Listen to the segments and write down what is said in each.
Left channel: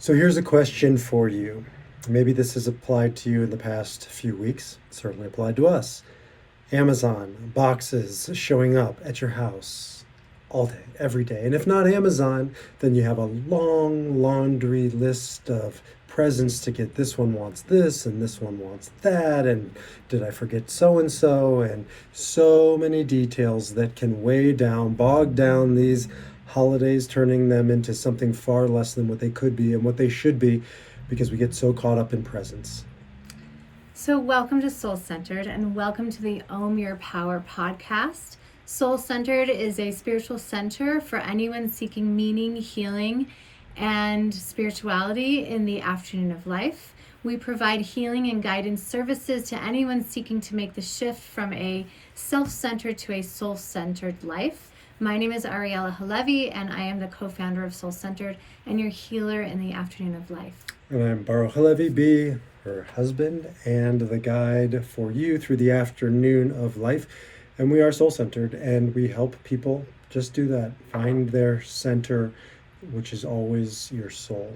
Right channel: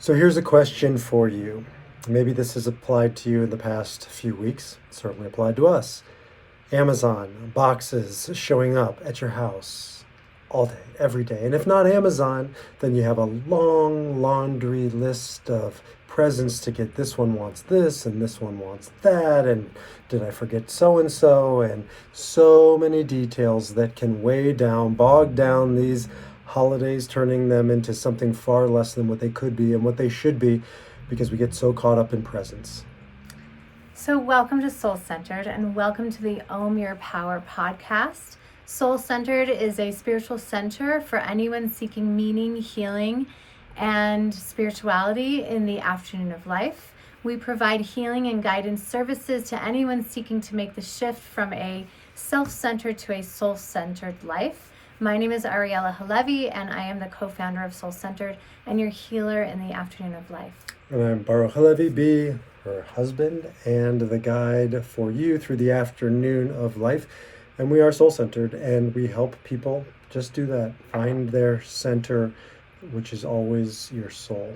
So here's a question for you. Maybe this has applied to you in the past few weeks. It certainly applied to us. Amazon boxes showing up at your house all day, every day. And if not Amazon, then you have a long laundry list of presents to get. This one wants this and this one wants that. And did I forget so and so? And so many details that can weigh down, bog down these holidays, turning them into something far less than what they could be and what they should be because we get so caught up in presents. So welcome to Soul Centered and welcome to the Om Your Power podcast. Soul Centered is a spiritual center for anyone seeking meaning, healing, and spirituality in the afternoon of life. We provide healing and guidance services to anyone seeking to make the shift from a self-centered to a soul-centered life. My name is Ariella Halevi, and I am the co-founder of Soul Centered and your healer in the afternoon of life. And I'm Baruch Halevi B., her husband, and the guide for you through the afternoon of life. And we are soul-centered, and we help people just do that, find their center, which is always your soul.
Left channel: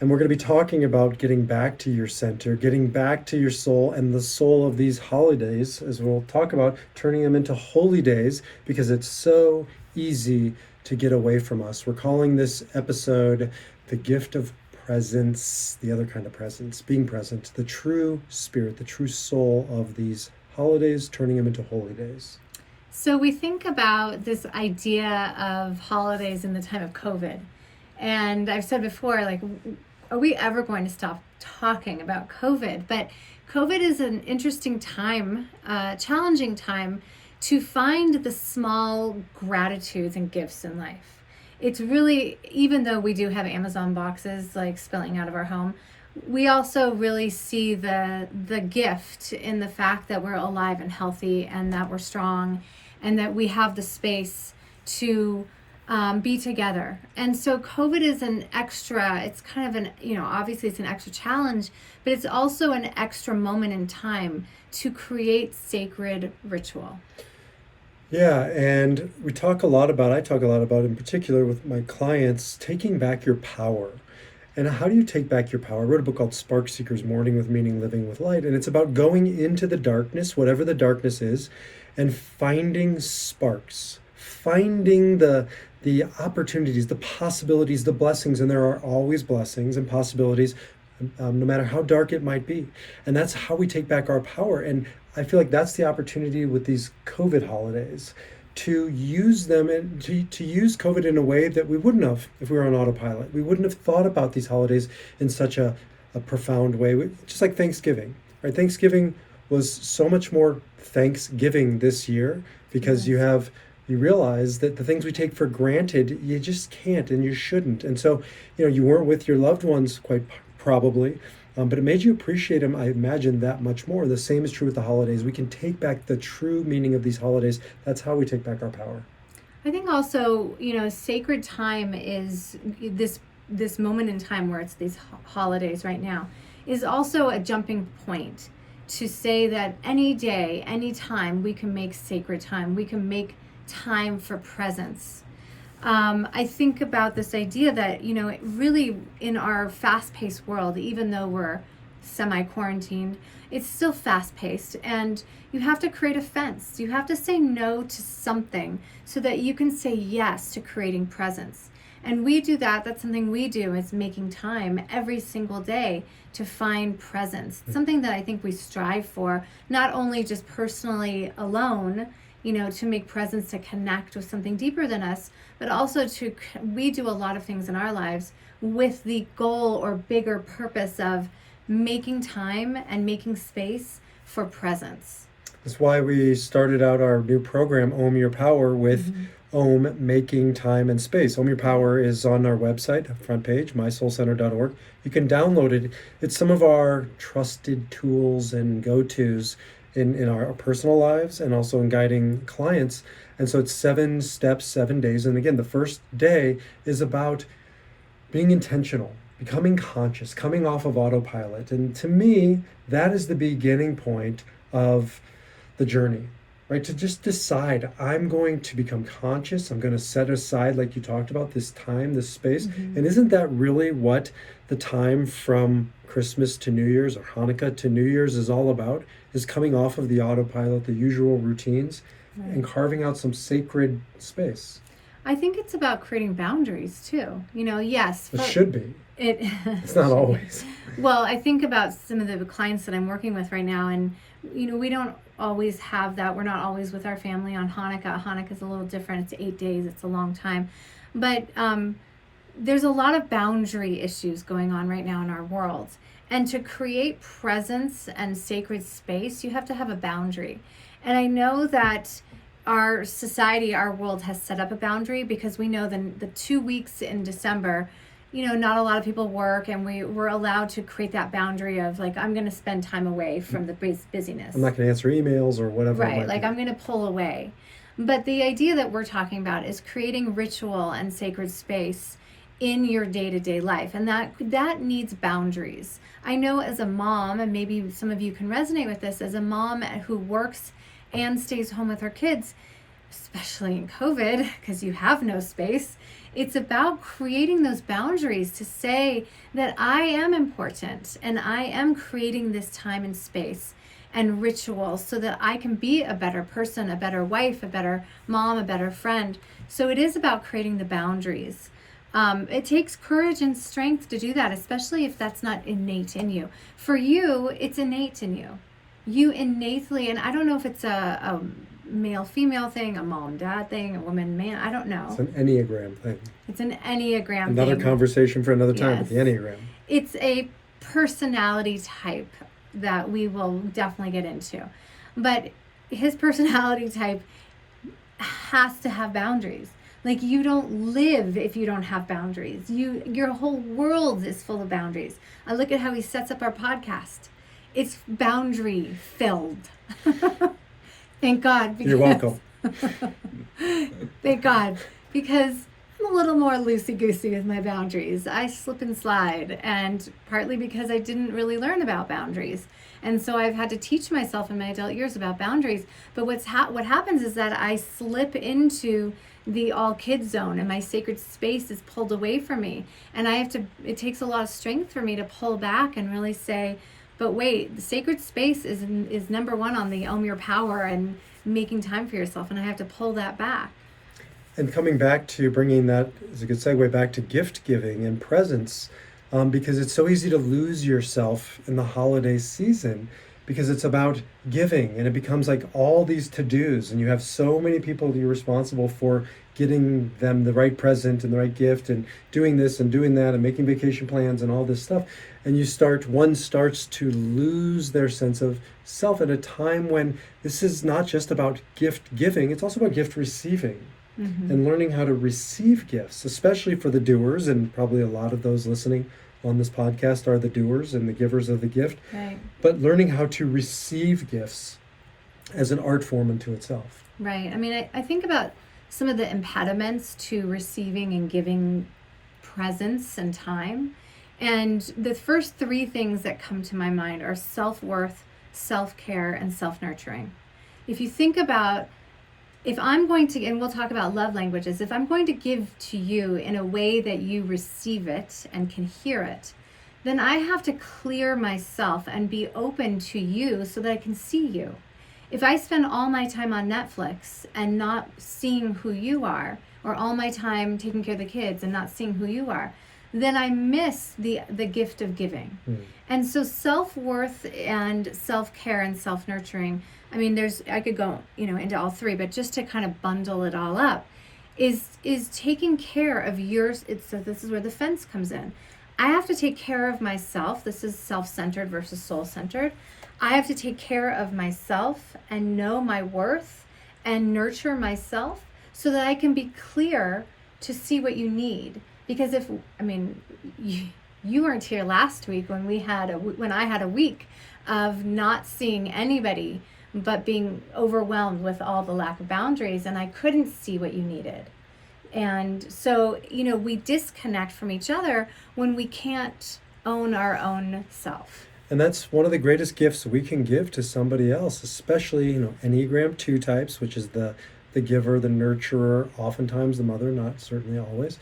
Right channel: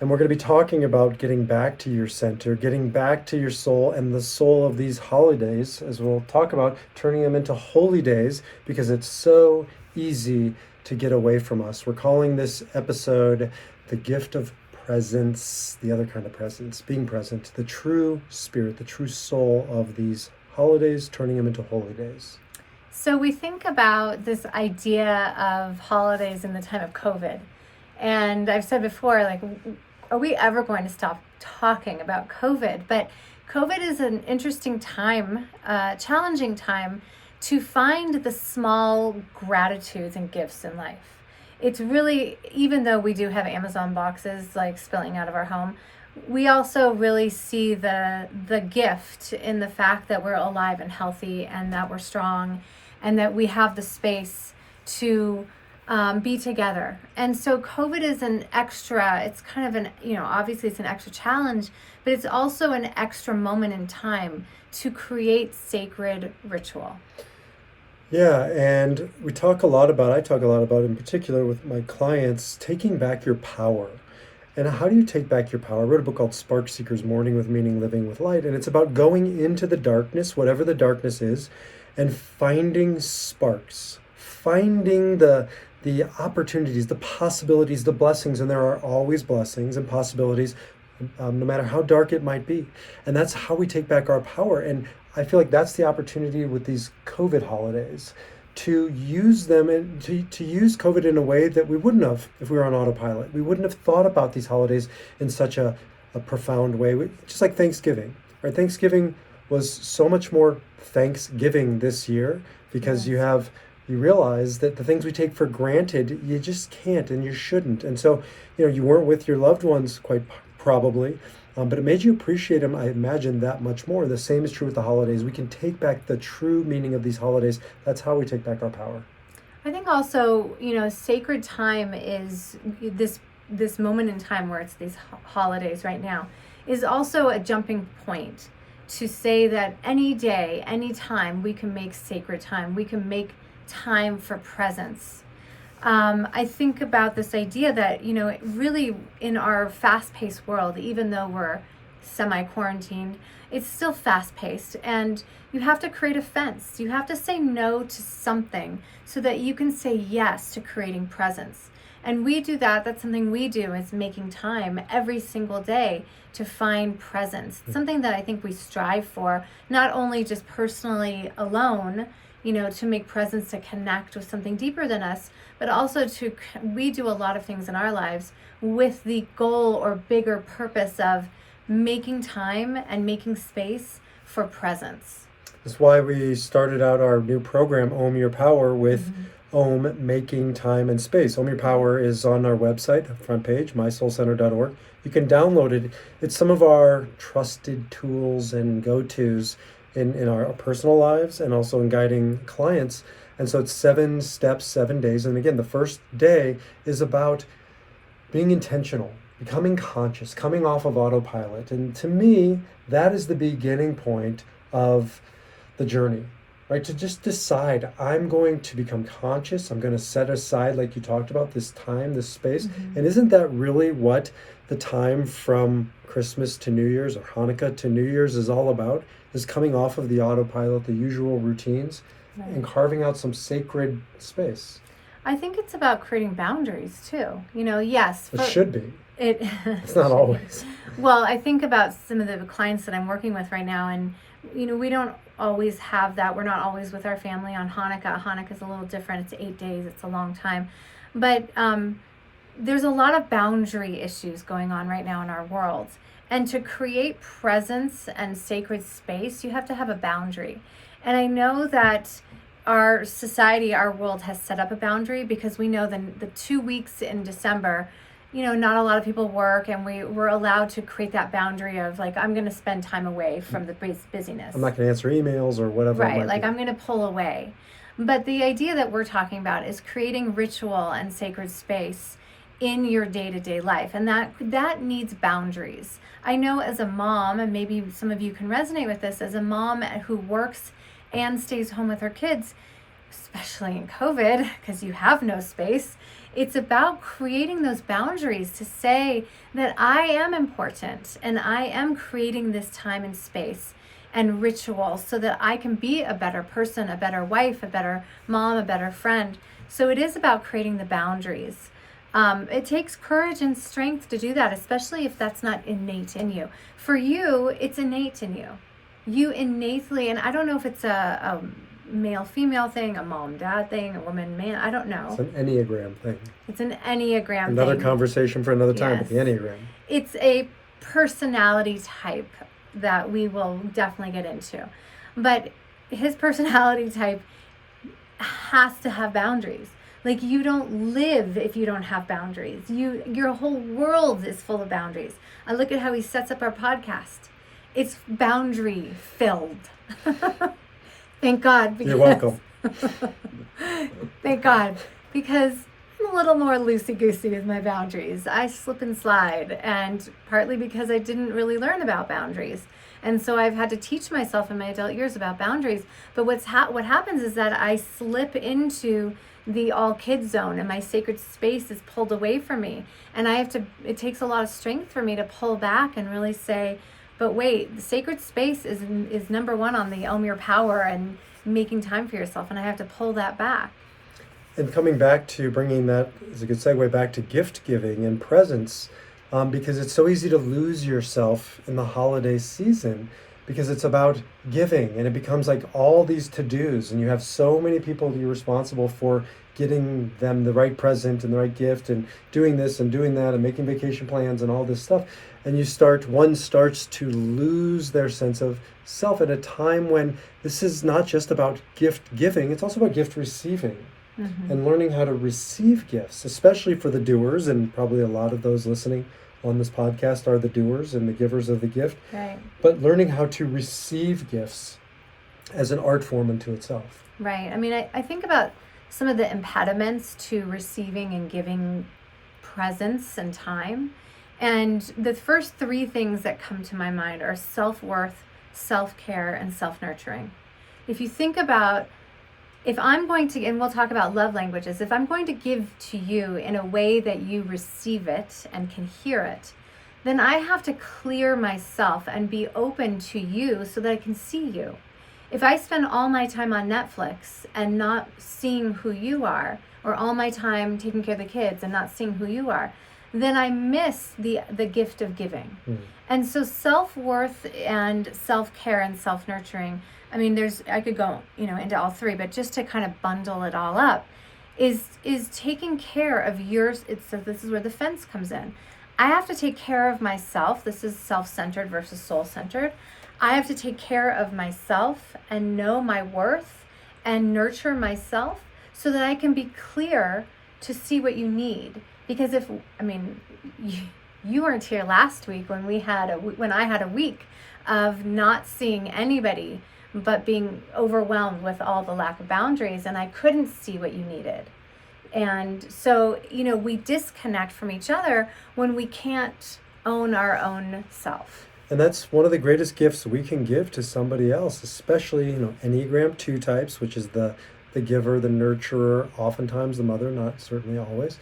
And we're going to be talking about getting back to your center, getting back to your soul and the soul of these holidays, as we'll talk about turning them into holy days, because it's so easy to get away from us. We're calling this episode The Gift of Presence, the other kind of presence, being present, the true spirit, the true soul of these holidays, turning them into holy days. So we think about this idea of holidays in the time of COVID. And I've said before, are we ever going to stop talking about COVID? But COVID is an interesting time, challenging time to find the small gratitudes and gifts in life. It's really, even though we do have Amazon boxes like spilling out of our home, we also really see the gift in the fact that we're alive and healthy and that we're strong and that we have the space to be together. And so COVID is an extra, it's kind of obviously it's an extra challenge, but it's also an extra moment in time to create sacred ritual. Yeah, and I talk a lot about in particular with my clients, taking back your power. And how do you take back your power? I wrote a book called Spark Seekers, Morning with Meaning, Living with Light. And it's about going into the darkness, whatever the darkness is, and finding sparks, finding the opportunities, the possibilities, the blessings. And there are always blessings and possibilities, no matter how dark it might be. And that's how we take back our power. And I feel like that's the opportunity with these COVID holidays, to use them and to use COVID in a way that we wouldn't have if we were on autopilot. We wouldn't have thought about these holidays in such a profound way, just like Thanksgiving, right? Thanksgiving was so much more Thanksgiving this year because you realize that the things we take for granted, you just can't and you shouldn't. And so, you weren't with your loved ones quite probably, but it made you appreciate them, I imagine, that much more. The same is true with the holidays. We can take back the true meaning of these holidays. That's how we take back our power. I think also, sacred time is this moment in time where it's these holidays right now is also a jumping point to say that any day, any time, we can make sacred time. We can make time for presence. I think about this idea that, really in our fast-paced world, even though we're semi-quarantined, it's still fast-paced, and you have to create a fence. You have to say no to something so that you can say yes to creating presence. And we do that. That's something we do, is making time every single day to find presence. Something that I think we strive for, not only just personally alone, to make presence, to connect with something deeper than us, but also we do a lot of things in our lives with the goal or bigger purpose of making time and making space for presence. That's why we started out our new program, Om Your Power, with Om, making time and space. Om Your Power is on our website, front page, mysoulcenter.org. You can download it. It's some of our trusted tools and go-tos in our personal lives and also in guiding clients. And so it's 7 steps, 7 days. And again, the first day is about being intentional, becoming conscious, coming off of autopilot. And to me, that is the beginning point of the journey, right? To just decide, I'm going to become conscious. I'm going to set aside, like you talked about, this time, this space. And isn't that really what the time from Christmas to New Year's or Hanukkah to New Year's is all about, is coming off of the autopilot, the usual routines, Right. and carving out some sacred space. I think it's about creating boundaries too. Yes, It should be. It's not always. Well, I think about some of the clients that I'm working with right now, and we don't always have that. We're not always with our family on Hanukkah. Hanukkah is a little different. It's 8 days. It's a long time, but there's a lot of boundary issues going on right now in our world. And to create presence and sacred space, you have to have a boundary. And I know that our society, our world has set up a boundary because we know the 2 weeks in December, not a lot of people work, and we're allowed to create that boundary of like, I'm going to spend time away from the busyness. I'm not going to answer emails or whatever. Right, like I'm going to pull away. But the idea that we're talking about is creating ritual and sacred space in your day-to-day life, and that needs boundaries. I know as a mom, and maybe some of you can resonate with this, as a mom who works and stays home with her kids, especially in COVID, because you have no space, it's about creating those boundaries to say that I am important and I am creating this time and space and ritual so that I can be a better person, a better wife, a better mom, a better friend. So it is about creating the boundaries. It takes courage and strength to do that, especially if that's not innate in you. For you, it's innate in you. You innately, and I don't know if it's a male-female thing, a mom-dad thing, a woman-man, I don't know. It's an Enneagram thing. It's an Enneagram thing. Another conversation for another time, Yes. but the Enneagram. It's a personality type that we will definitely get into. But his personality type has to have boundaries. Like, you don't live if you don't have boundaries. Your whole world is full of boundaries. I look at how he sets up our podcast. It's boundary filled. Thank God. You're welcome. Thank God. Because I'm a little more loosey-goosey with my boundaries. I slip and slide, and partly because I didn't really learn about boundaries. And so I've had to teach myself in my adult years about boundaries. But what happens is that I slip into the all kids zone, and my sacred space is pulled away from me. And it takes a lot of strength for me to pull back and really say, but wait, the sacred space is number one on the Own Your Power and making time for yourself. And I have to pull that back. And coming back to bringing that is a good segue back to gift giving and presents, because it's so easy to lose yourself in the holiday season because it's about giving, and it becomes like all these to-dos, and you have so many people you're responsible for getting them the right present and the right gift and doing this and doing that and making vacation plans and all this stuff. And one starts to lose their sense of self at a time when this is not just about gift giving, it's also about gift receiving. Mm-hmm. And learning how to receive gifts, especially for the doers, and probably a lot of those listening on this podcast are the doers and the givers of the gift. Right. But learning how to receive gifts as an art form unto itself. Right. I mean, I think about some of the impediments to receiving and giving presence and time. And the first three things that come to my mind are self-worth, self-care, and self-nurturing. If you think about, if I'm going to, and we'll talk about love languages, if I'm going to give to you in a way that you receive it and can hear it, then I have to clear myself and be open to you so that I can see you. If I spend all my time on Netflix and not seeing who you are, or all my time taking care of the kids and not seeing who you are, then I miss the gift of giving. And so self-worth and self-care and self-nurturing, I mean, I could go, into all three, but just to kind of bundle it all up, is taking care of yours. So this is where the fence comes in. I have to take care of myself. This is self-centered versus soul-centered. I have to take care of myself and know my worth and nurture myself so that I can be clear to see what you need. Because you weren't here last week when I had a week of not seeing anybody, but being overwhelmed with all the lack of boundaries, and I couldn't see what you needed. And so, we disconnect from each other when we can't own our own self. And that's one of the greatest gifts we can give to somebody else, especially, Enneagram 2 types, which is the giver, the nurturer, oftentimes the mother, not certainly always.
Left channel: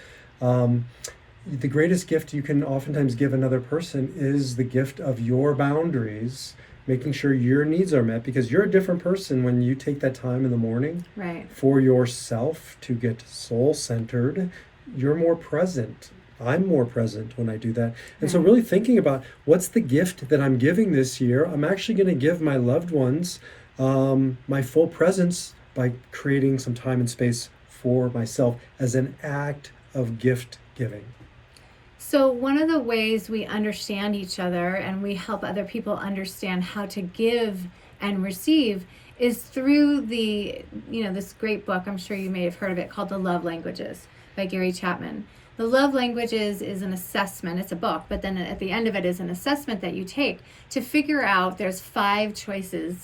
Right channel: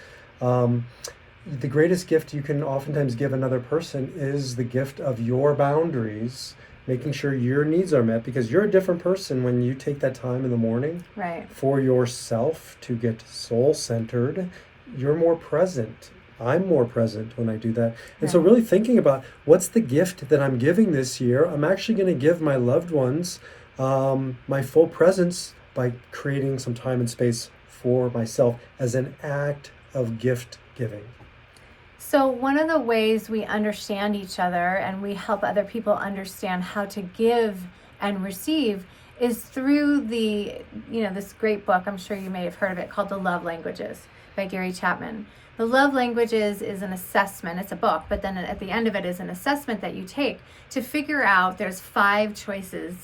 the greatest gift you can oftentimes give another person is the gift of your boundaries, making sure your needs are met, because you're a different person when you take that time in the morning Right. for yourself to get soul centered. You're more present. I'm more present when I do that. And so, Right. really thinking about what's the gift that I'm giving this year, I'm actually going to give my loved ones my full presence by creating some time and space for myself as an act of gift giving. So, one of the ways we understand each other and we help other people understand how to give and receive is through this great book, I'm sure you may have heard of it, called The Love Languages by Gary Chapman. The Love Languages is an assessment, it's a book, but then at the end of it is an assessment that you take to figure out there's 5 choices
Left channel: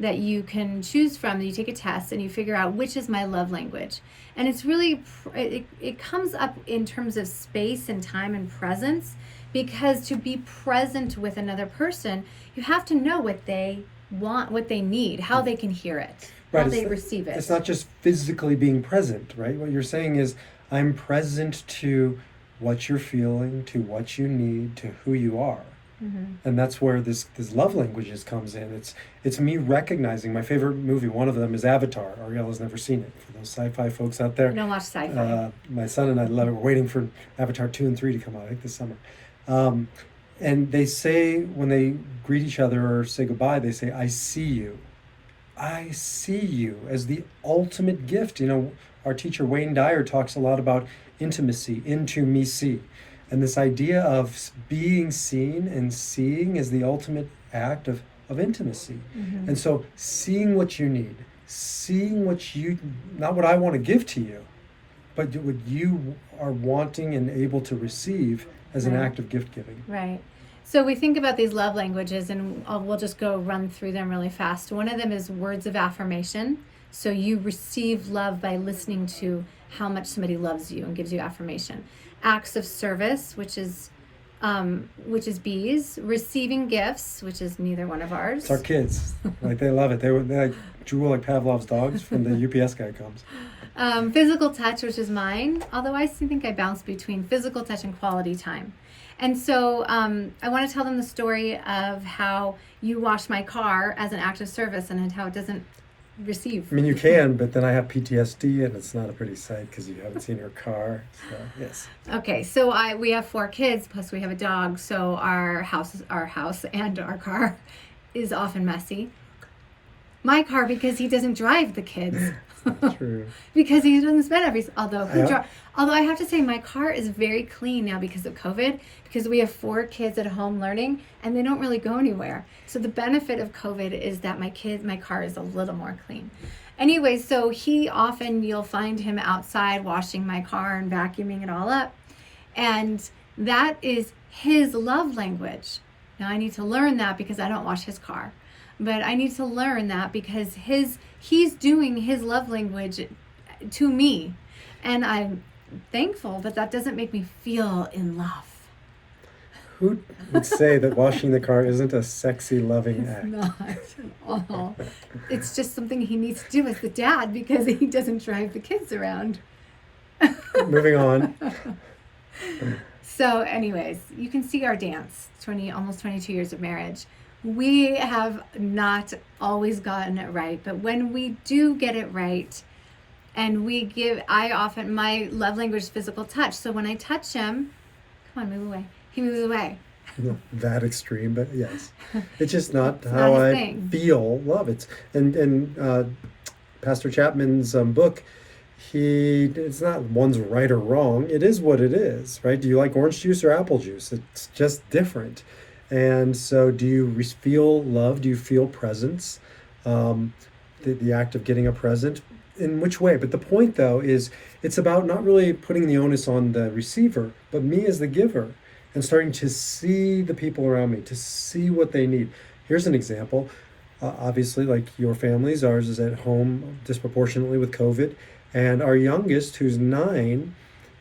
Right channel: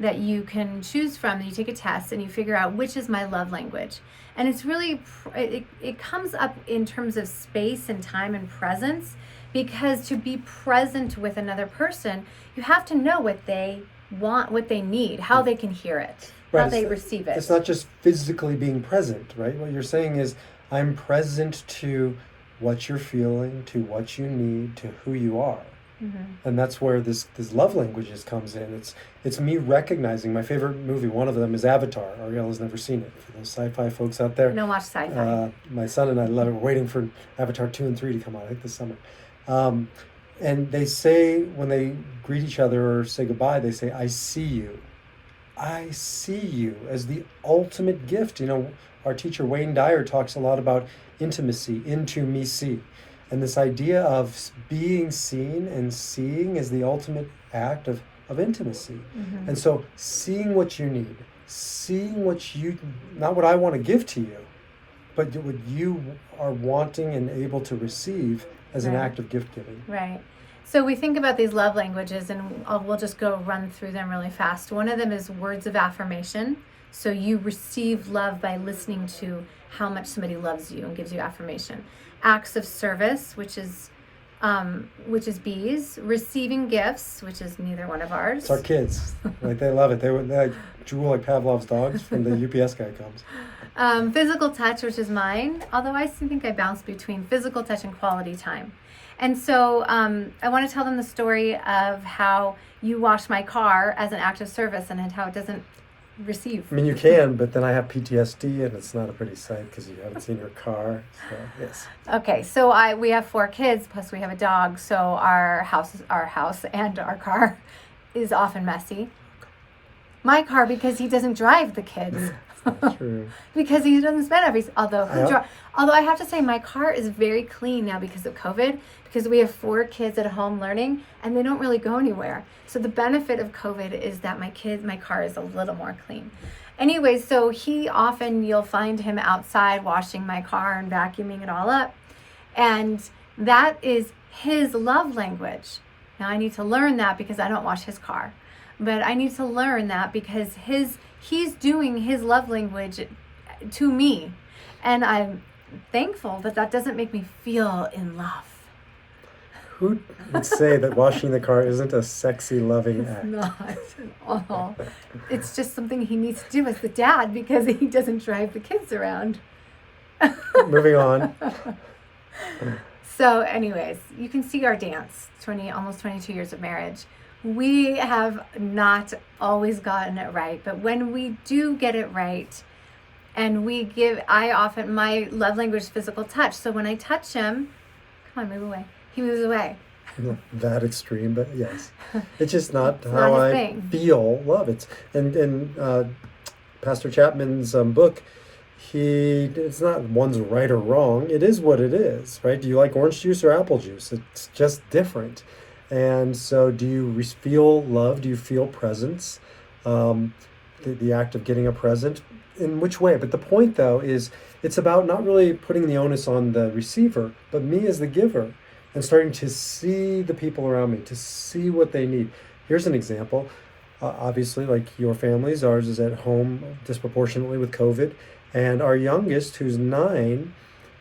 that you can choose from. You take a test and you figure out which is my love language. And it's really, it comes up in terms of space and time and presence, because to be present with another person, you have to know what they want, what they need, how they can hear it, how Right, they receive it. It's not just physically being present, right? What you're saying is, I'm present to what you're feeling, to what you need, to who you are. And that's where this love languages comes in. It's me recognizing my favorite movie. One of them is Avatar. Ariel never seen it. For those sci-fi folks out there, I don't watch sci-fi. My son and I love it. We're waiting for Avatar 2 and 3 to come out, I think, this summer. And they say, when they greet each other or say goodbye, they say, "I see you." I see you as the ultimate gift. Our teacher Wayne Dyer talks a lot about intimacy, into me see. And this idea of being seen and seeing is the ultimate act of intimacy. And so seeing what you need, seeing not what I want to give to you, but what you are wanting and able to receive as an Right. act of gift giving. Right. So we think about these love languages, and we'll just go run through them really fast. One of them is words of affirmation. So you receive love by listening to how much somebody loves you and gives you affirmation. Acts of service, which is B's. Receiving gifts, which is neither one of ours. It's our kids. Like, they love it. They like drool like Pavlov's dogs when the UPS guy comes. Physical touch, which is mine, although I think I bounce between physical touch and quality time. And so I want to tell them the story of how you wash my car as an act of service and how it doesn't receive. I mean, you can, but then I have PTSD, and it's not a pretty sight because you haven't seen your car. So, yes. Okay, so we have 4 kids, plus we have a dog, so our house and our car is often messy. My car, because he doesn't drive the kids. True. Because he doesn't spend although I have to say my car is very clean now because of COVID, because we have 4 kids at home learning and they don't really go anywhere. So the benefit of COVID is that my car is a little more clean. Anyway, so you'll find him outside washing my car and vacuuming it all up. And that is his love language. Now I need to learn that because I don't wash his car. But I need to learn that because he's doing his love language to me. And I'm thankful, but that doesn't make me feel in love. Who would say that washing the car isn't a sexy, loving act? Not at all. It's just something he needs to do as the dad because he doesn't drive the kids around. Moving on. So anyways, you can see our dance, almost 22 years of marriage. We have not always gotten it right, but when we do get it right, and my love language is physical touch. So when I touch him, come on, move away. He moves away. Not that extreme, but yes. It's just not It's how not his I thing. feel love. And Pastor Chapman's book, it's not one's right or wrong. It is what it is, right? Do you like orange juice or apple juice? It's just different. And so do you feel love? Do you feel presence? The act of getting a present, in which way? But the point, though, is it's about not really putting the onus on the receiver, but me as the giver, and starting to see the people around me, to see what they need. Here's an example. Obviously, like your family's, ours is at home disproportionately with COVID. And our youngest, who's 9,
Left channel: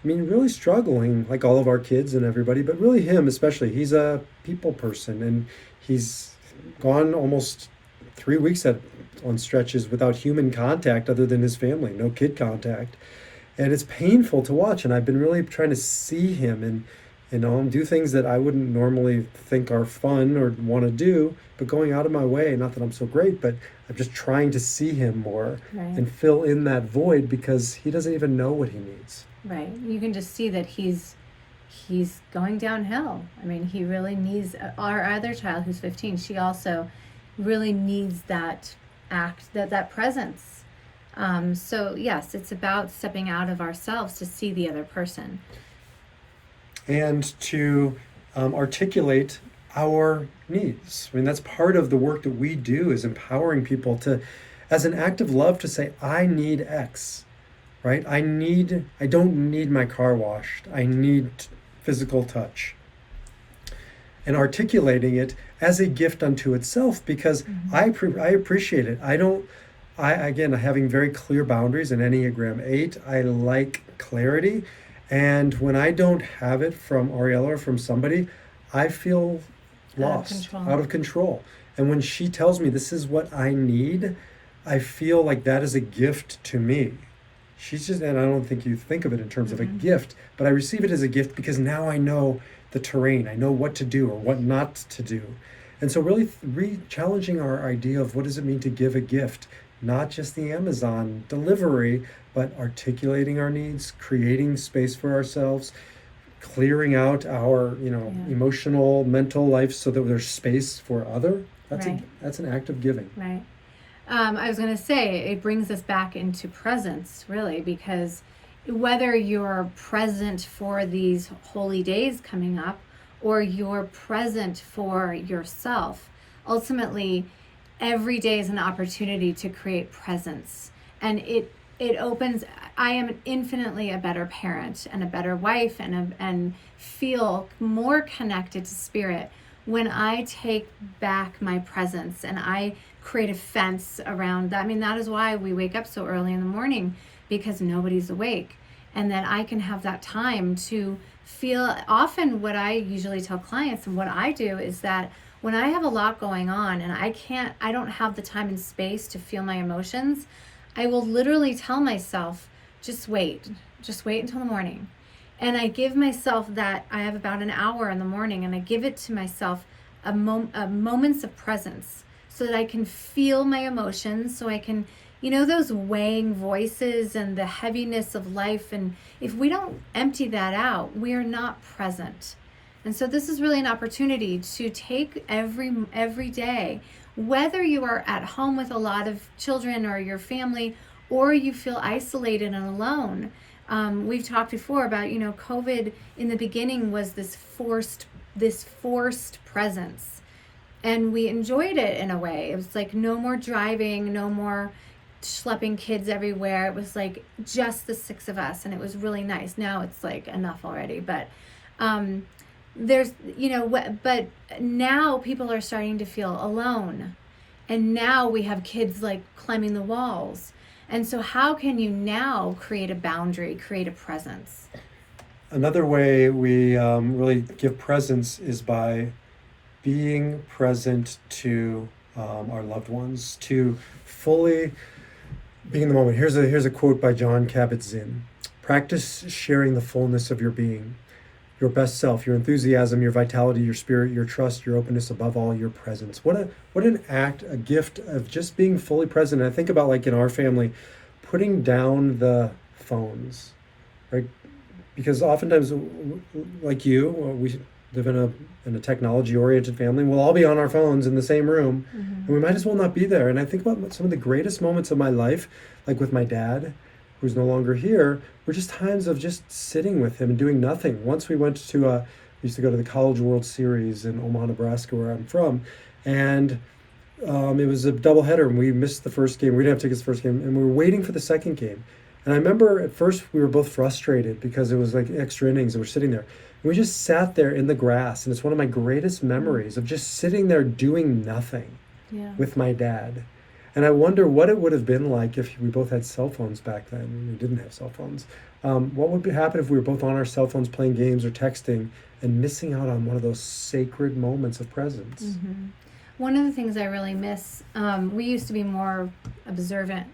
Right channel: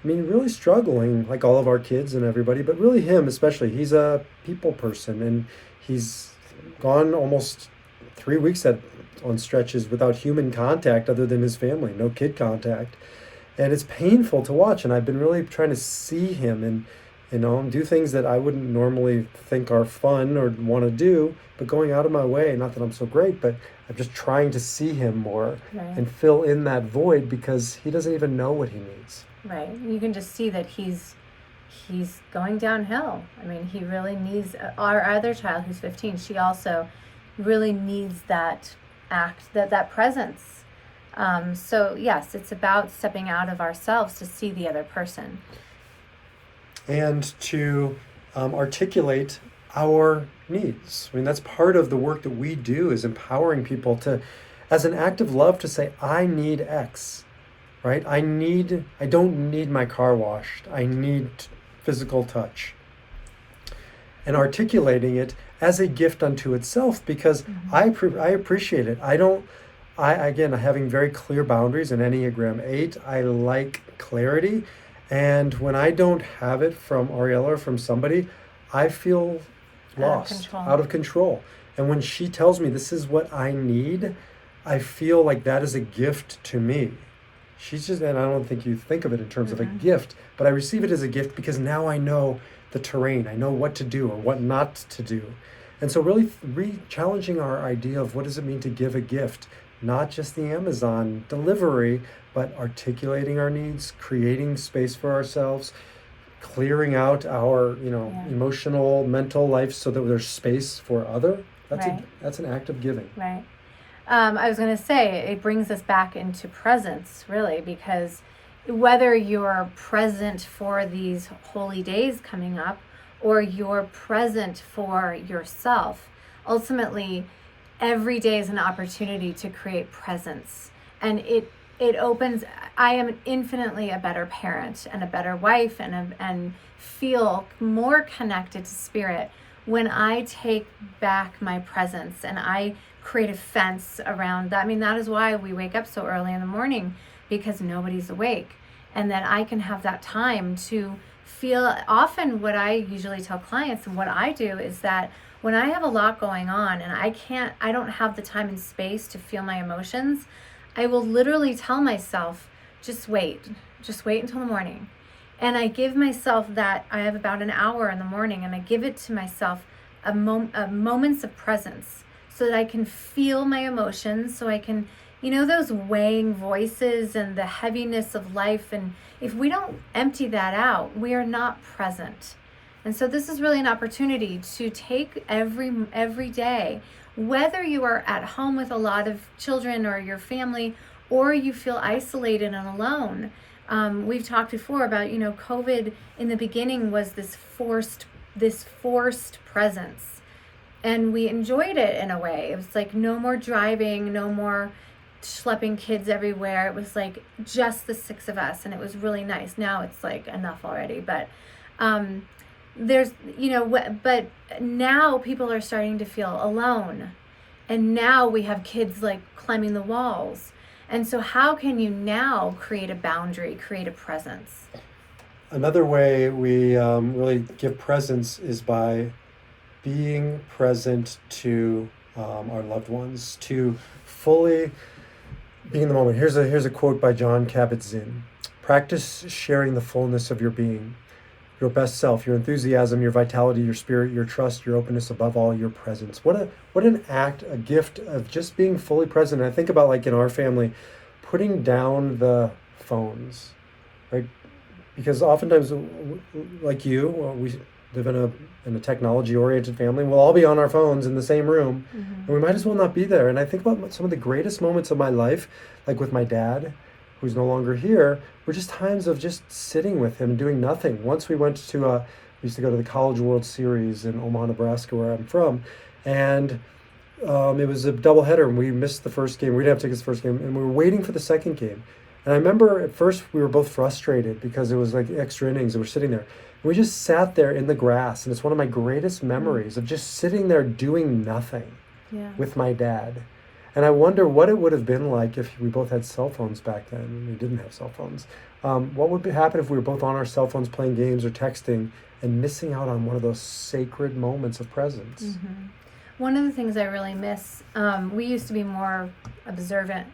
really struggling, like all of our kids and everybody, but really him especially. He's a people person, and he's gone almost 3 weeks on stretches without human contact other than his family, no kid contact. and it's painful to watch. And I've been really trying to see him and do things that I wouldn't normally think are fun or want to do, but going out of my way. Not that I'm so great, but I'm just trying to see him more Right. and fill in that void because he doesn't even know what he needs. Right. You can just see that he's going downhill. I mean, he really needs our other child who's 15. She also really needs that that presence. So yes, it's about stepping out of ourselves to see the other person. And to articulate our needs. I mean, that's part of the work that we do, is empowering people to, as an act of love, to say, I need X, right? I don't need my car washed. I need physical touch. And articulating it as a gift unto itself, because I appreciate it. Again, having very clear boundaries in Enneagram 8, I like clarity. And when I don't have it from Ariella or from somebody, I feel lost, out of control. And when she tells me this is what I need, I feel like that is a gift to me. She's just, and I don't think you think of it in terms of a gift, but I receive it as a gift because now I know the terrain. I know what to do or what not to do. And so really challenging our idea of what does it mean to give a gift, not just the Amazon delivery, but articulating our needs, creating space for ourselves, clearing out our, emotional, mental life so that there's space for other. That's an act of giving. Right. I was going to say, it brings us back into presence, really, because whether you're present for these holy days coming up or you're present for yourself, ultimately, every day is an opportunity to create presence. And it opens, I am infinitely a better parent and a better wife and feel more connected to spirit when I take back my presence and I create a fence around that. I mean, that is why we wake up so early in the morning, because nobody's awake. And then I can have that time to feel. Often what I usually tell clients and what I do is that when I have a lot going on and I don't have the time and space to feel my emotions, I will literally tell myself, just wait until the morning. And I give myself that, I have about an hour in the morning, and I give it to myself a moments of presence so that I can feel my emotions, so I can, those weighing voices and the heaviness of life. And if we don't empty that out, we are not present. And so this is really an opportunity to take every day, whether you are at home with a lot of children or your family, or you feel isolated and alone. We've talked before about, COVID in the beginning was this forced presence. And we enjoyed it in a way. It was like no more driving, no more schlepping kids everywhere. It was like just the six of us, and it was really nice. Now it's like enough already. But but now people are starting to feel alone. And now we have kids like climbing the walls. And so how can you now create a boundary, create a presence? Another way we really give presence is by being present to our loved ones, to fully be in the moment. Here's a quote by Jon Kabat-Zinn. Practice sharing the fullness of your being, your best self, your enthusiasm, your vitality, your spirit, your trust, your openness, above all, your presence. What an act, a gift of just being fully present. And I think about, like in our family, putting down the phones, right? Because oftentimes, like we live in a technology-oriented family, and we'll all be on our phones in the same room, and we might as well not be there. And I think about some of the greatest moments of my life, like with my dad, who's no longer here, were just times of just sitting with him and doing nothing. Once we used to go to the College World Series in Omaha, Nebraska, where I'm from, and it was a doubleheader, and we missed the first game. We didn't have tickets to the first game, and we were waiting for the second game. And I remember at first we were both frustrated because it was like extra innings, and we're sitting there. We just sat there in the grass, and it's one of my greatest memories of just sitting there doing nothing with my dad. And I wonder what it would have been like if we both had cell phones back then. We didn't have cell phones. What would happen if we were both on our cell phones playing games or texting and missing out on one of those sacred moments of presence? Mm-hmm. One of the things I really miss, we used to be more observant.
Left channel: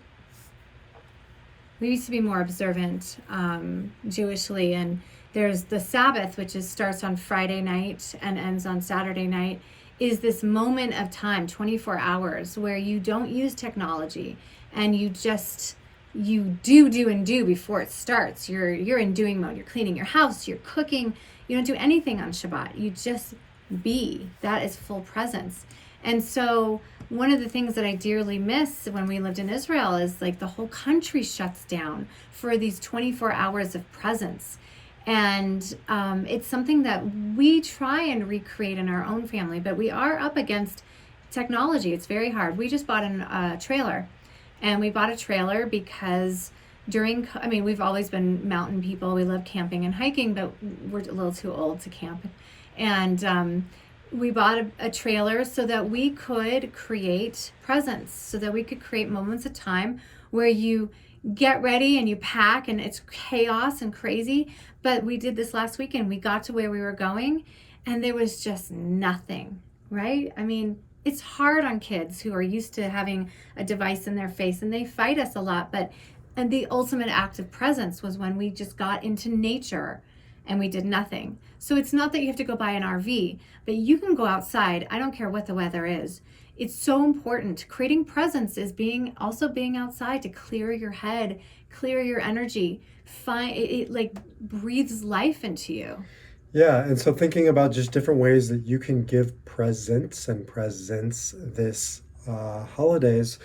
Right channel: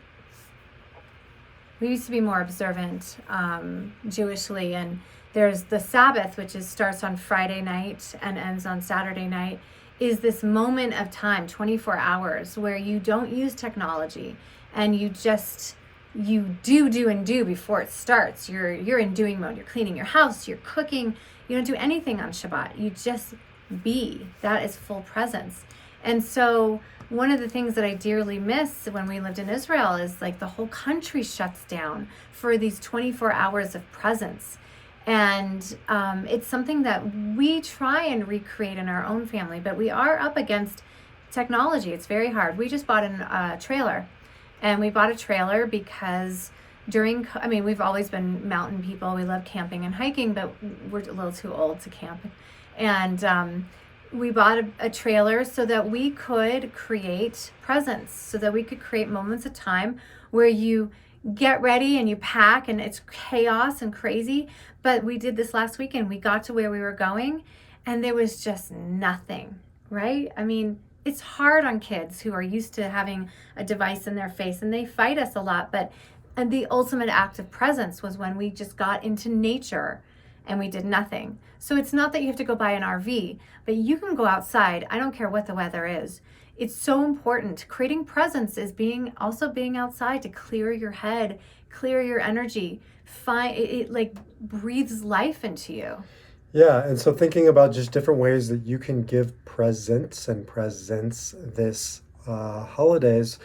we used to be more observant Jewishly, and there's the Sabbath, which starts on Friday night and ends on Saturday night, is this moment of time, 24 hours, where you don't use technology and you do before it starts. You're in doing mode. You're cleaning your house, you're cooking. You don't do anything on Shabbat. You just be. That is full presence. And so one of the things that I dearly miss when we lived in Israel is like the whole country shuts down for these 24 hours of presence. And it's something that we try and recreate in our own family, but we are up against technology. It's very hard. We just bought a trailer, and we bought a trailer because we've always been mountain people. We love camping and hiking, but we're a little too old to camp. And we bought a trailer so that we could create presence, so that we could create moments of time where you get ready and you pack and it's chaos and crazy. But we did this last weekend. We got to where we were going and there was just nothing, right? I mean, it's hard on kids who are used to having a device in their face, and they fight us a lot. And the ultimate act of presence was when we just got into nature and we did nothing. So it's not that you have to go buy an RV, but you can go outside. I don't care what the weather is. It's so important. Creating presence is being outside to clear your head, clear your energy. It like breathes life into you. Yeah, and so thinking about just different ways that you can give presents this holidays,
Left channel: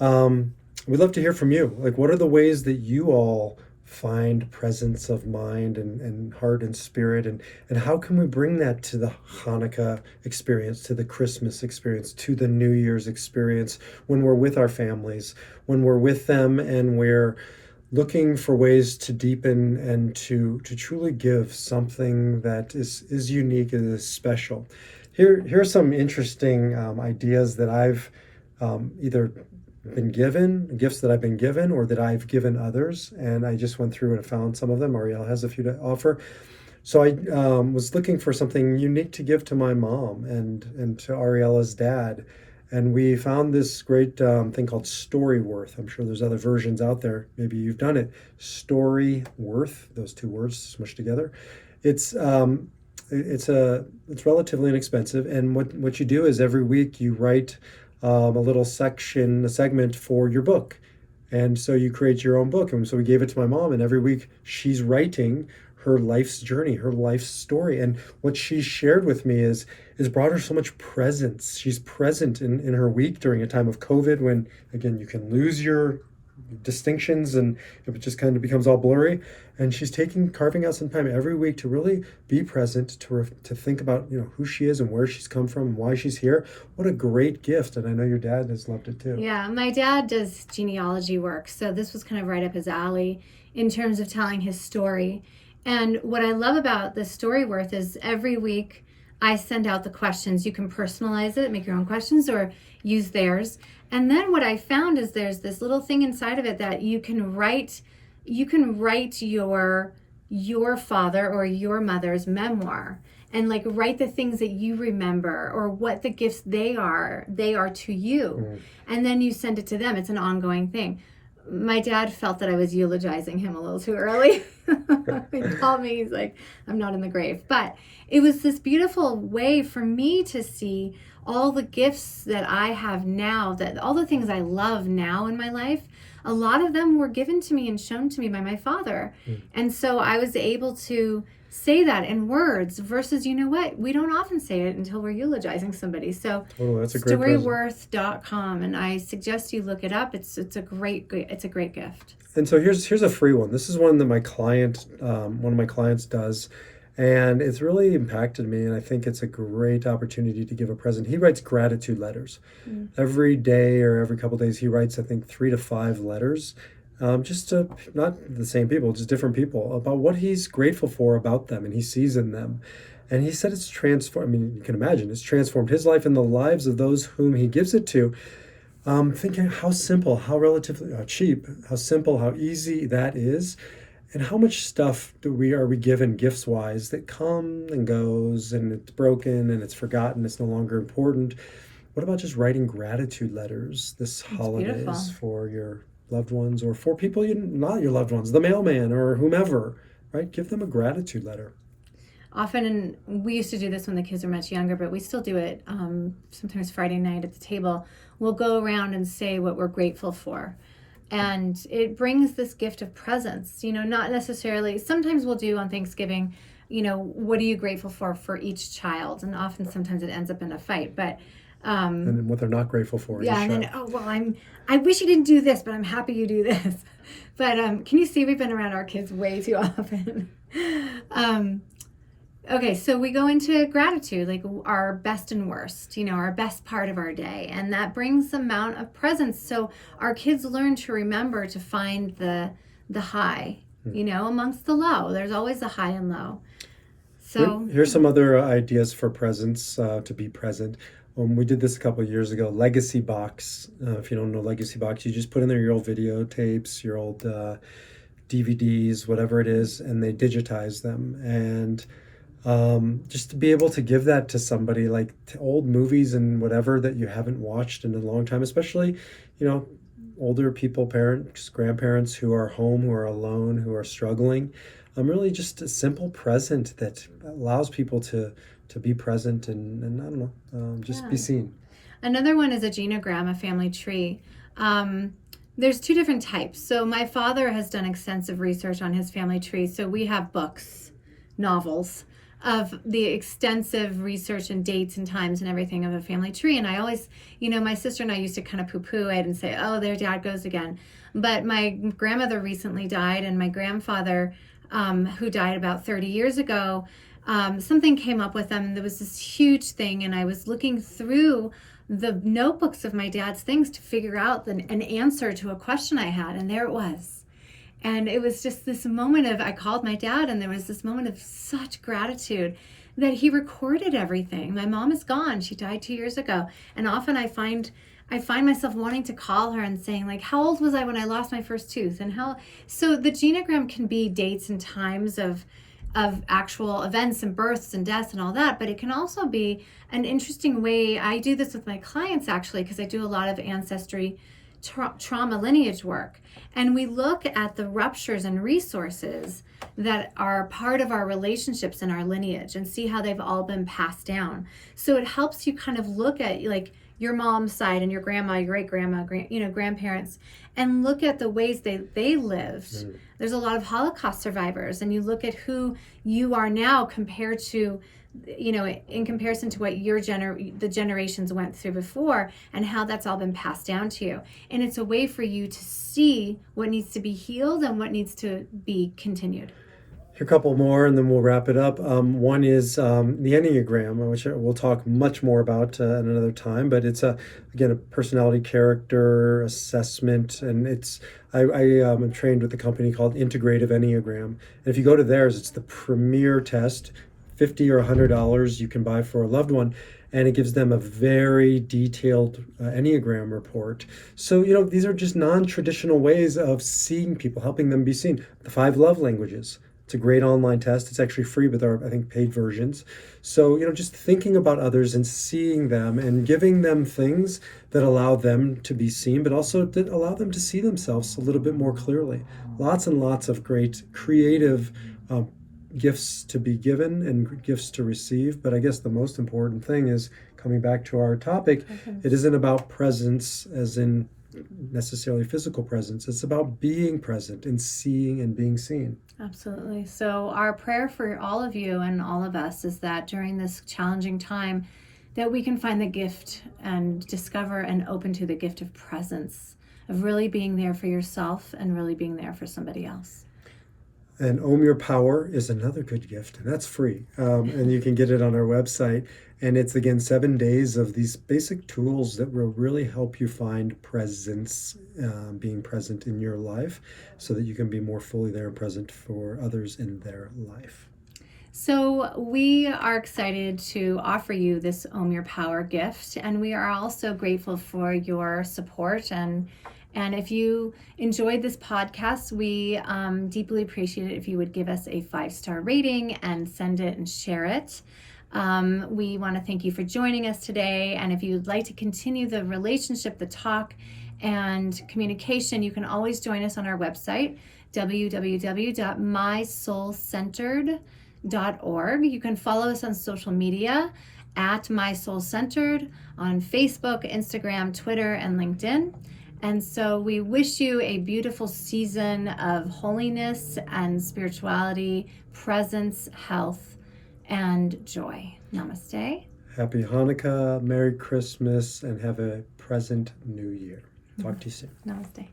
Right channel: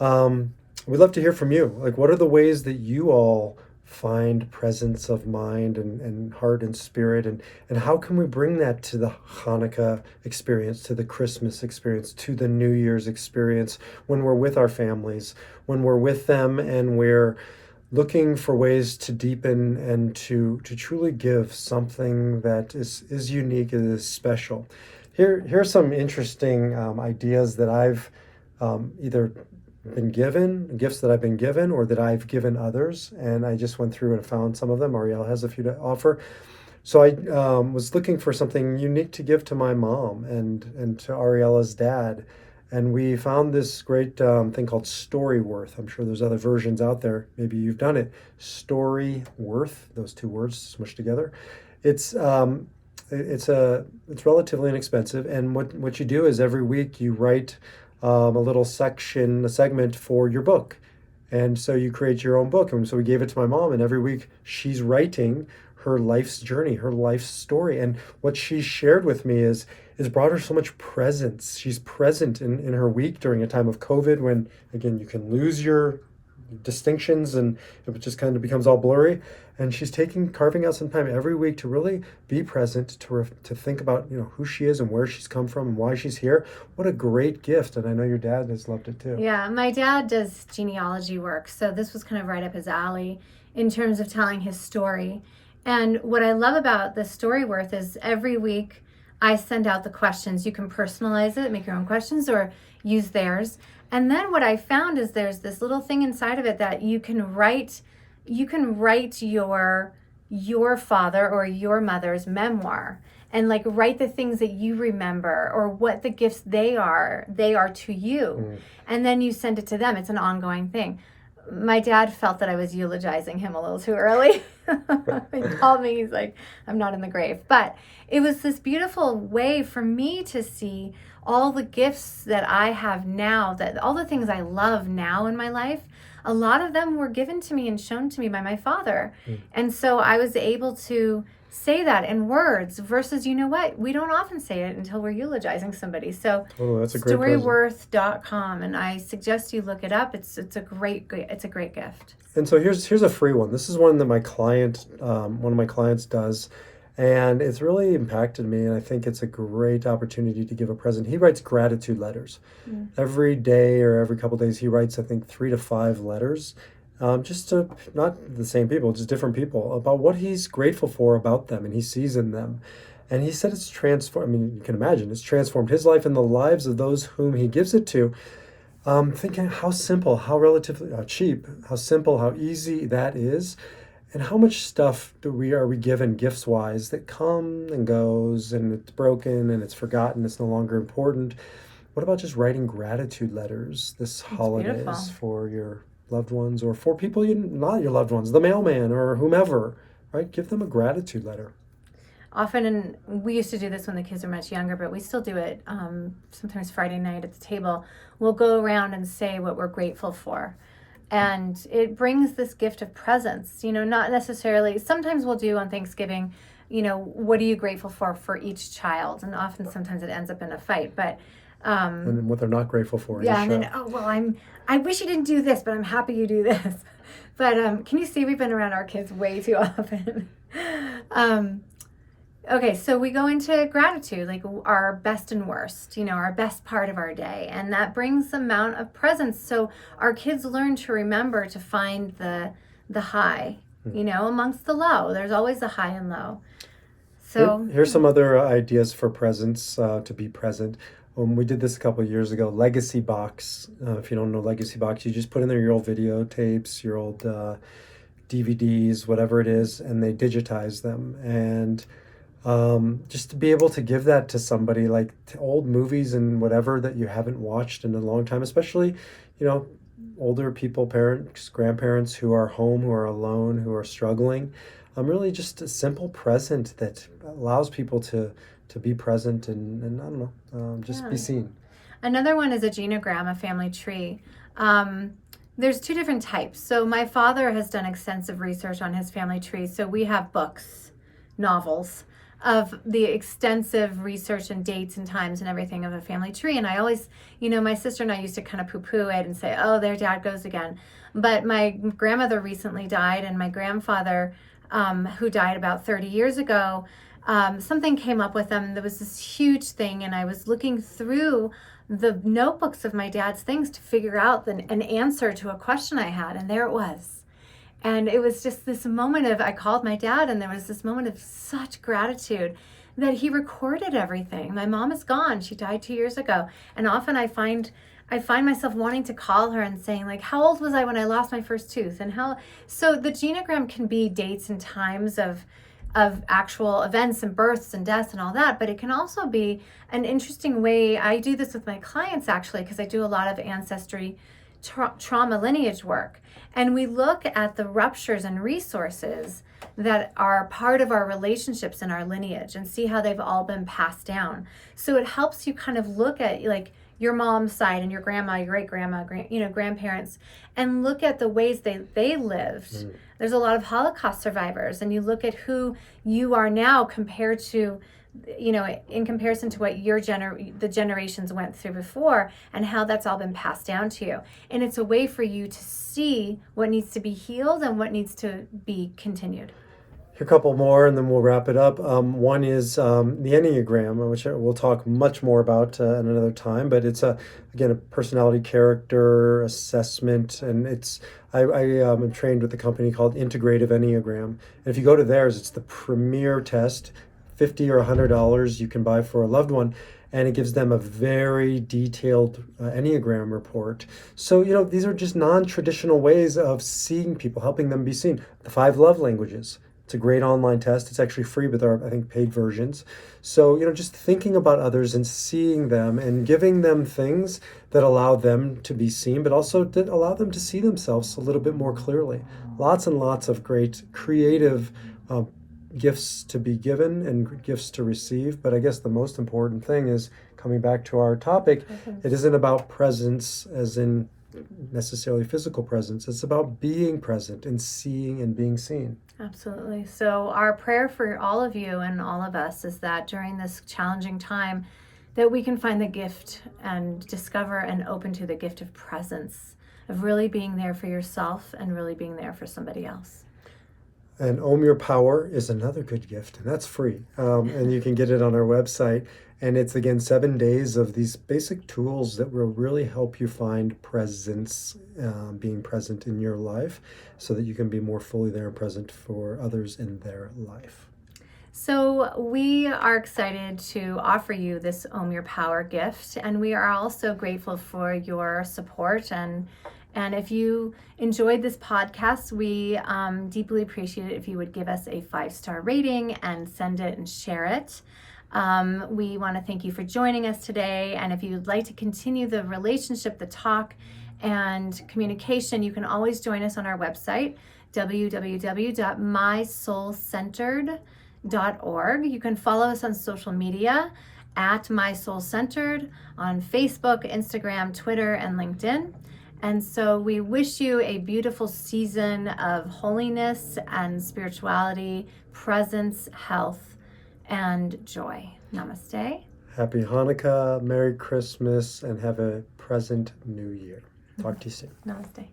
we'd love to hear from you. Like, what are the ways that you all find presence of mind and heart and spirit, and how can we bring that to the Hanukkah experience, to the Christmas experience, to the New Year's experience when we're with our families, when we're with them and we're looking for ways to deepen and to truly give something that is unique and is special. Here's some interesting ideas that I've either been given, gifts that I've been given or that I've given others, and I just went through and found some of them. Ariel has a few to offer. So I was looking for something unique to give to my mom and to Ariela's dad. And we found this great thing called Storyworth. I'm sure there's other versions out there. Maybe you've done it. Storyworth, those two words smushed together. It's relatively inexpensive. And what you do is every week you write a little section, a segment for your book. And so you create your own book. And so we gave it to my mom, and every week she's writing her life's journey, her life's story. And what she shared with me is brought her so much presence. She's present in her week during a time of COVID when, again, you can lose your distinctions and it just kind of becomes all blurry. And she's carving out some time every week to really be present, to think about, who she is and where she's come from and why she's here. What a great gift. And I know your dad has loved it too. Yeah, my dad does genealogy work. So this was kind of right up his alley in terms of telling his story. And what I love about the Storyworth is every week I send out the questions. You can personalize it, make your own questions, or use theirs. And then what I found is there's this little thing inside of it that you can write your father or your mother's memoir, and like write the things that you remember or what the gifts they are to you. Mm-hmm. And then you send it to them. It's an ongoing thing. My dad felt that I was eulogizing him a little too early. He called me, he's like, I'm not in the grave. But it was this beautiful way for me to see all the gifts that I have now, that all the things I love now in my life, a lot of them were given to me and shown to me by my father. And so I was able to say that in words versus, you know what, we don't often say it until we're eulogizing somebody. So that's a great storyworth.com, and I suggest you look it up. It's a great gift. And so here's a free one. This is one that one of my clients does, and it's really impacted me, and I think it's a great opportunity to give a present. He writes gratitude letters. Every day or every couple of days he writes, I think, 3 to 5 letters, just to not the same people, just different people, about what he's grateful for about them and he sees in them. And he said it's transformed. I mean, you can imagine it's transformed his life and the lives of those whom he gives it to. Thinking how simple, how relatively cheap, how simple, how easy that is, and how much stuff are we given gifts wise that come and goes, and it's broken and it's forgotten, it's no longer important. What about just writing gratitude letters this holidays for your loved ones, or for people not your loved ones, the mailman or whomever, right? Give them a gratitude letter. Often, and we used to do this when the kids were much younger, but we still do it sometimes Friday night at the table. We'll go around and say what we're grateful for. And it brings this gift of presence, not necessarily, sometimes we'll do on Thanksgiving, what are you grateful for each child? And often, sometimes it ends up in a fight, but and what they're not grateful for. Yeah, and then, I wish you didn't do this, but I'm happy you do this. But can you see we've been around our kids way too often? Okay, so we go into gratitude, like our best and worst, our best part of our day. And that brings amount of presence. So our kids learn to remember to find the high, amongst the low. There's always the high and low. So here's some other ideas for presence, to be present. We did this a couple of years ago. Legacy Box. If you don't know Legacy Box, you just put in there your old videotapes, your old DVDs, whatever it is, and they digitize them. And just to be able to give that to somebody, like old movies and whatever that you haven't watched in a long time, especially, older people, parents, grandparents who are home, who are alone, who are struggling. Really just a simple present that allows people to be present and I don't know, just be seen. Another one is a genogram, a family tree. There's two different types. So my father has done extensive research on his family tree. So we have books, novels of the extensive research and dates and times and everything of a family tree. And I always, my sister and I used to kind of poo-poo it and say, oh, there dad goes again. But my grandmother recently died, and my grandfather, who died about 30 years ago, something came up with them. There was this huge thing, and I was looking through the notebooks of my dad's things to figure out an answer to a question I had, and there it was. And it was just this moment of, I called my dad, and there was this moment of such gratitude that he recorded everything. My mom is gone. She died 2 years ago. And often I find myself wanting to call her and saying, like, how old was I when I lost my first tooth? And so the genogram can be dates and times of actual events and births and deaths and all that, but it can also be an interesting way. I do this with my clients, actually, because I do a lot of ancestry trauma lineage work. And we look at the ruptures and resources that are part of our relationships in our lineage and see how they've all been passed down. So it helps you kind of look at, like, your mom's side and your grandma, your great-grandma, grandparents, and look at the ways they lived. There's a lot of Holocaust survivors, and you look at who you are now compared to, in comparison to what the generations went through before, and how that's all been passed down to you. And it's a way for you to see what needs to be healed and what needs to be continued. Here, a couple more, and then we'll wrap it up. One is the Enneagram, which we'll talk much more about at another time. But it's again a personality character assessment, and I am trained with a company called Integrative Enneagram. And if you go to theirs, it's the premier test. $50 or $100 you can buy for a loved one, and it gives them a very detailed Enneagram report. So, these are just non-traditional ways of seeing people, helping them be seen. The 5 love languages. It's a great online test. It's actually free with our, I think, paid versions. So, just thinking about others and seeing them and giving them things that allow them to be seen, but also that allow them to see themselves a little bit more clearly. Lots and lots of great creative gifts to be given and gifts to receive. But I guess the most important thing is, coming back to our topic, it isn't about presence as in necessarily physical presence. It's about being present and seeing and being seen. Absolutely. So our prayer for all of you and all of us is that during this challenging time, that we can find the gift and discover and open to the gift of presence, of really being there for yourself and really being there for somebody else. And Own Your Power is another good gift, and that's free. And you can get it on our website. And it's, again, 7 days of these basic tools that will really help you find presence, being present in your life, so that you can be more fully there and present for others in their life. So we are excited to offer you this Own Your Power gift, and we are also grateful for your support. And if you enjoyed this podcast, we deeply appreciate it if you would give us a 5-star rating and send it and share it. We want to thank you for joining us today. And if you'd like to continue the relationship, the talk, and communication, you can always join us on our website, www.mysoulcentered.org. You can follow us on social media at MySoulCentered on Facebook, Instagram, Twitter, and LinkedIn. And so we wish you a beautiful season of holiness and spirituality, presence, health, and joy. Namaste. Happy Hanukkah, Merry Christmas, and have a present New Year. Talk to you soon. Namaste.